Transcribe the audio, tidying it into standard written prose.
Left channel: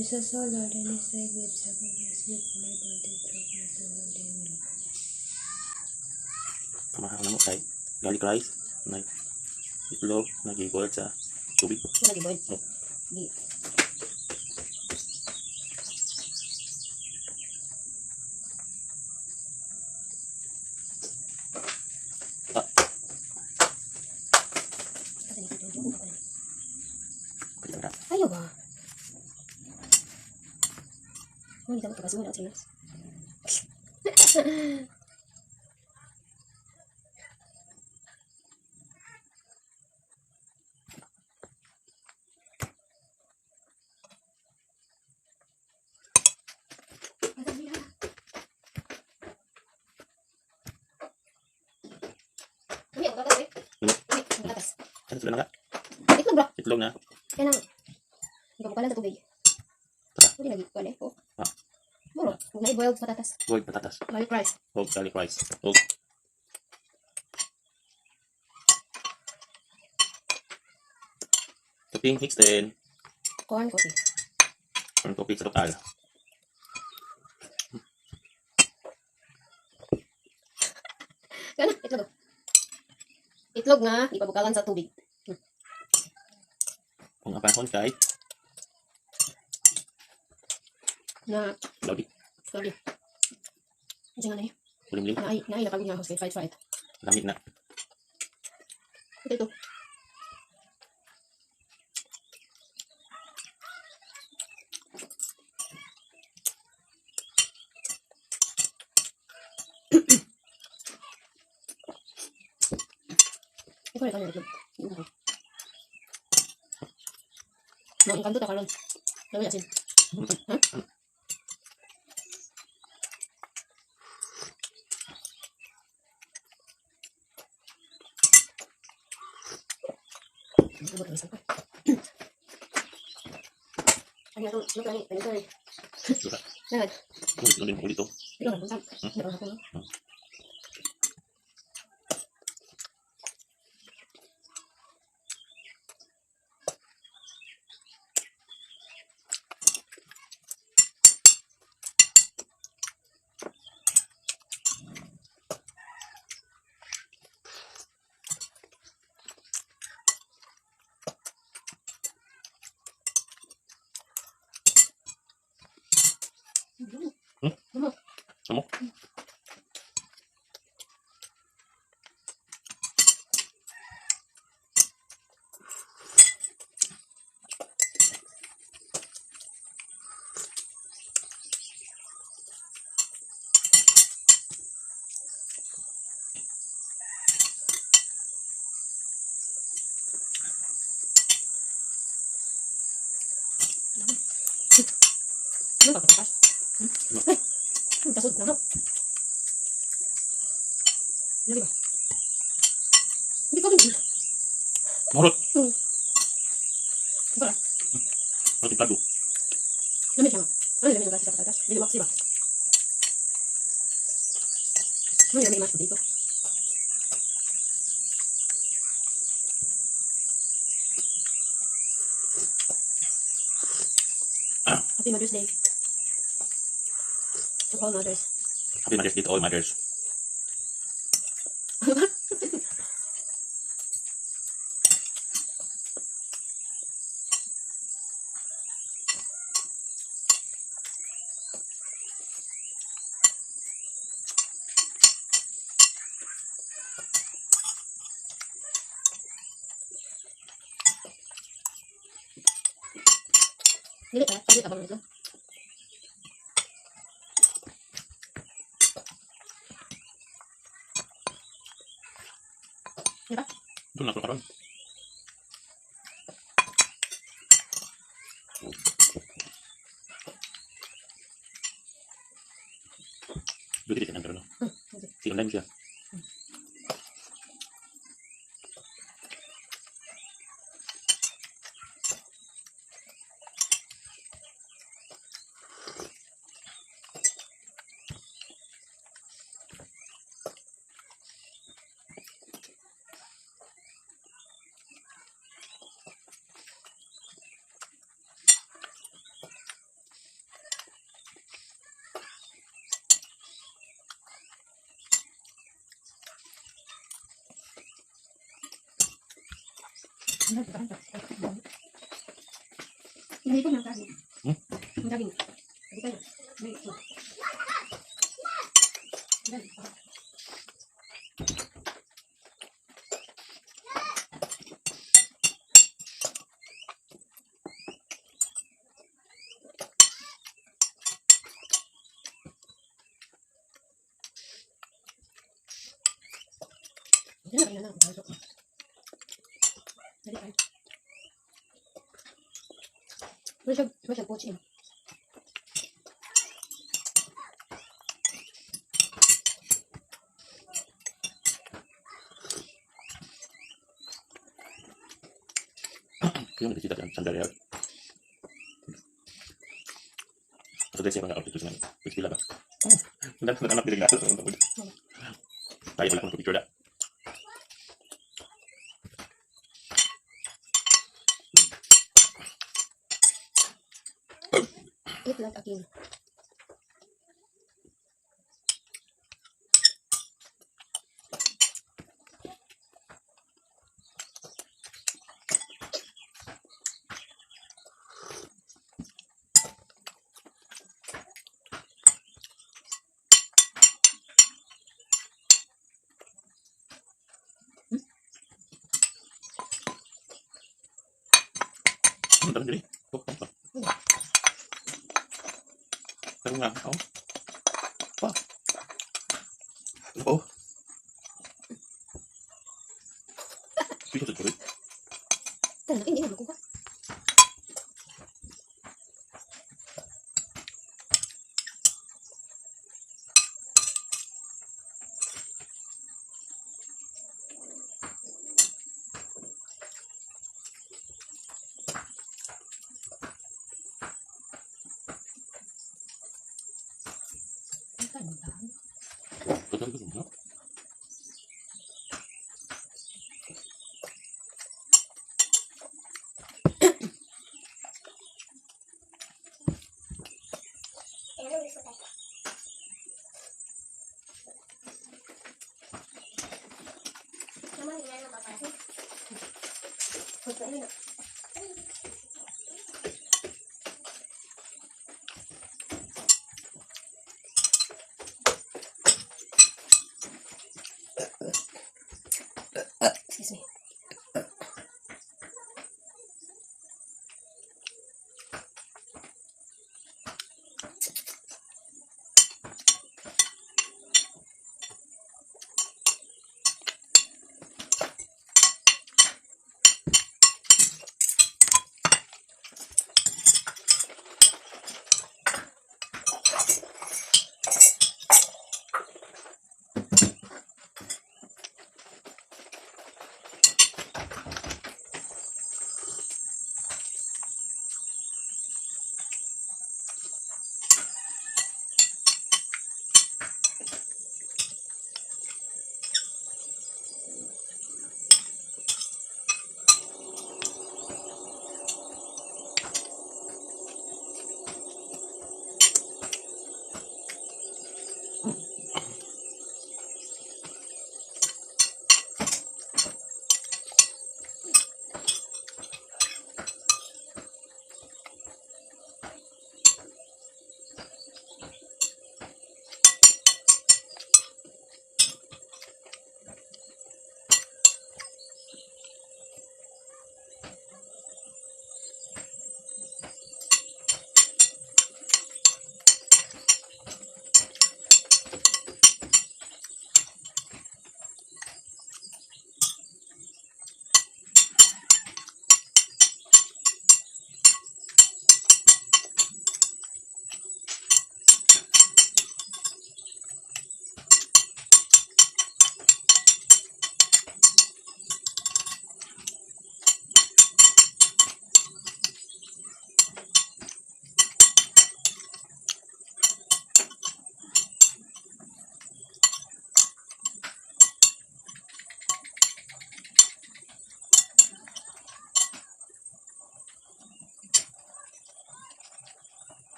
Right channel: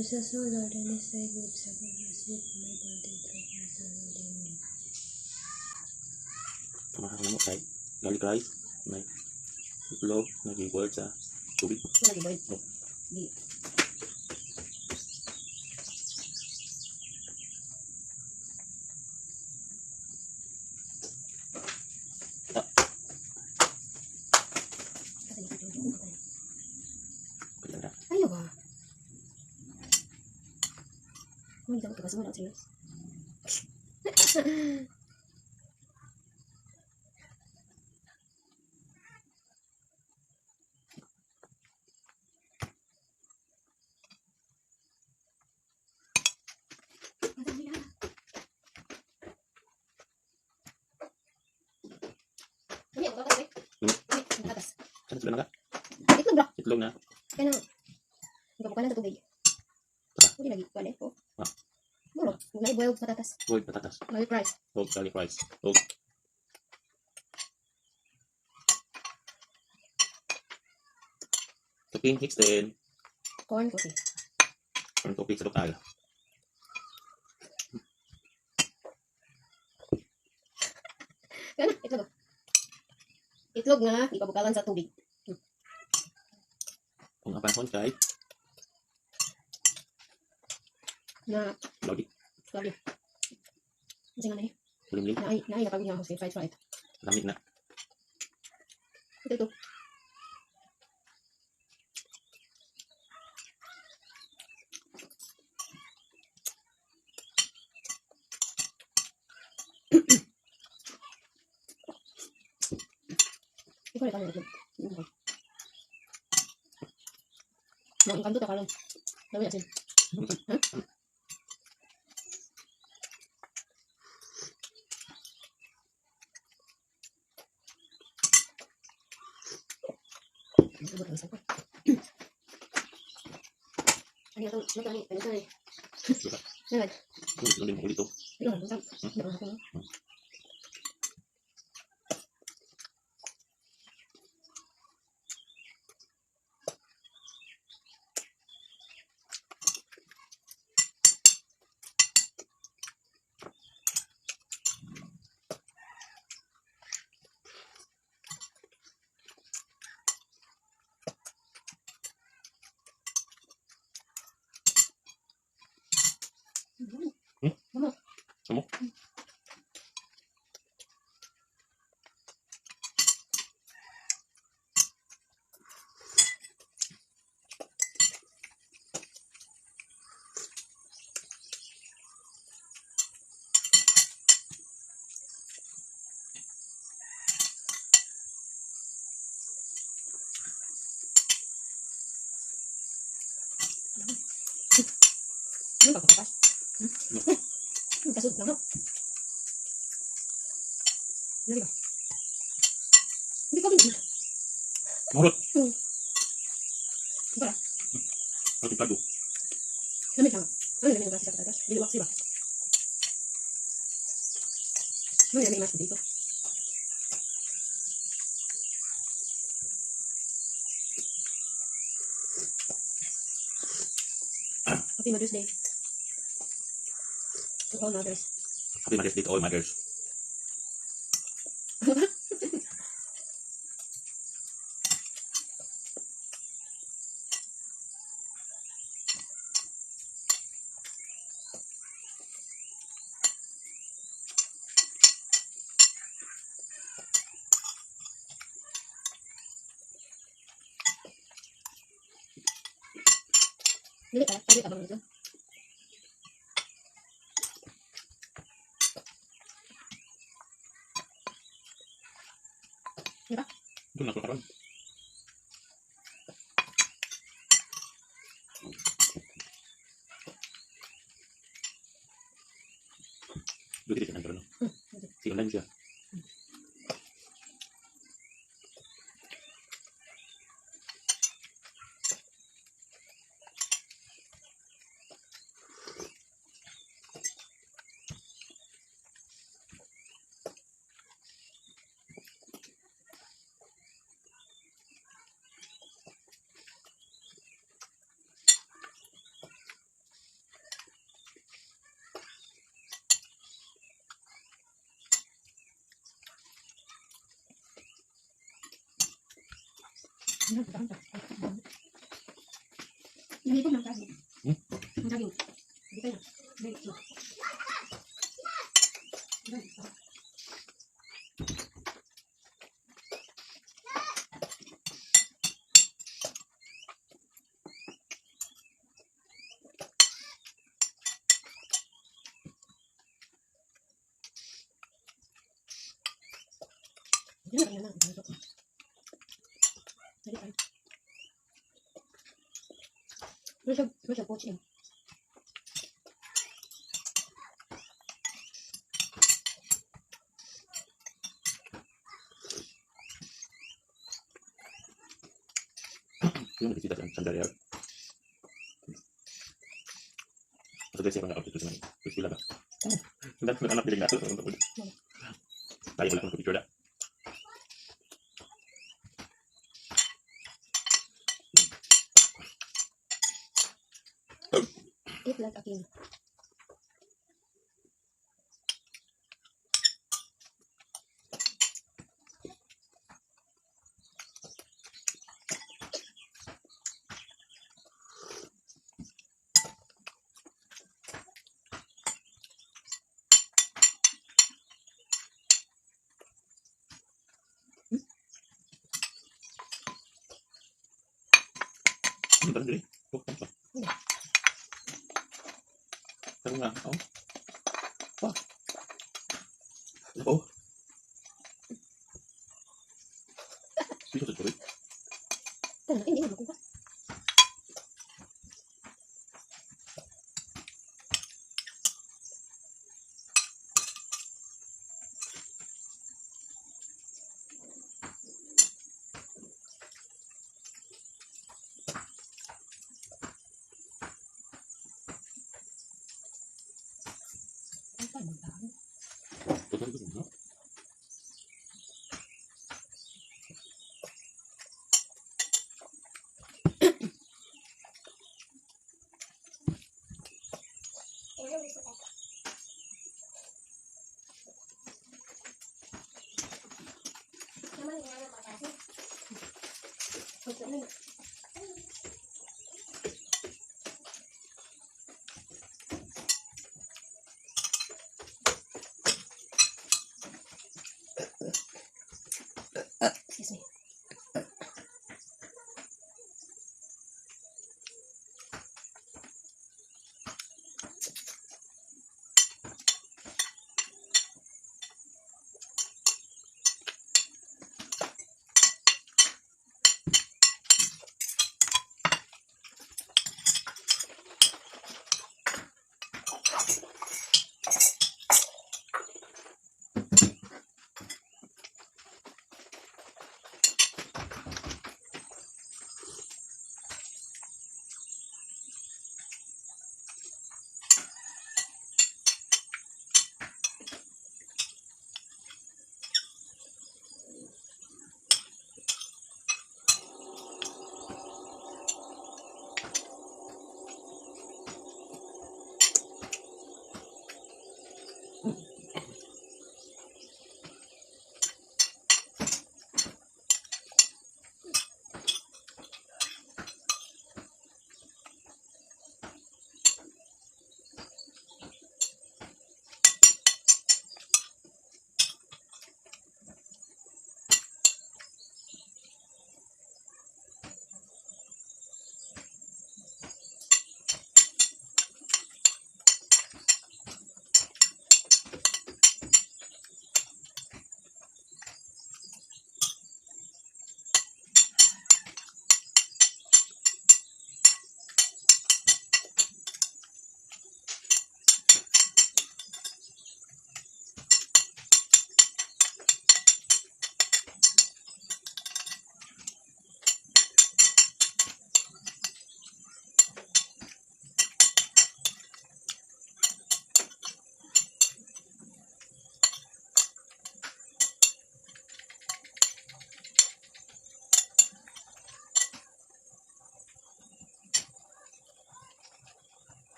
This is so loud and it's like waves upon my sleep when I body through my holding. Samahan na mo kay garlic rice na itlog na gi-boiled sa tubig. Nag-boil. No. Di. Ah, pwede na. Ayaw ba? Hindi ka magtabas mo na sinas. Hindi ako tatas eh. Hindi, ang tatas. Saan sila na ka? Itlog bro. Itlog na. Kaya nang, hindi ka bukalan sa tubig. Hindi lagi, wala eh. Oh. Ah. Muro, huwag na i-boiled patatas. Boiled patatas. Garlic rice. O garlic rice. O topping mix din. Corn coffee. Corn coffee sa lokal. Kaya na, itlog. Itlog nga, ipabukalan sa tubig. Kung apahon kay Na, lodi. lagi. Kasi nga na eh. Ulim-lim. Naay napagod nga ako sa fried. Lamig na. Ito. Ikaw rin kanya itlog. Mau ikan tuh tak kalon. Lalu asin. Ano to? Ano tani? Ano tani? Suka. Naman. Gusto din mo ulit to. Ito kan punta. Ito kan hapon. Lamok. Lamok. Ano ba ito? Kasud na no. Hindi ba? Hindi ko din. Marot. Para. Marot yung plato. Lamig siya. Ano lamig ng kasi patatas? Hindi wax, diba? Ano lamig mas dito? Happy Mother's Day. To all mothers. Happy Mother's Day to all mothers. Dili pala, pwede tabang ito. Diba? Ito na karon. Dito din ang karon. Si online siya. Gamitin ng saging. Hmm? Ang saging. Hindi kayo. Hindi. Yan na lang. Dali tayo. Where's your coach in? Yung nakikita dyan, sandali out. Masaday siya mga outfit ko naman. Which pila ba? Anak piling na. Tayo wala kong picture na. Eat like a king. Tanong diri. Oh. Tanong nga. Oh. Wow. Oh. Sige sa tuloy. Tara, hindi na makuha. Total ko no? Okay.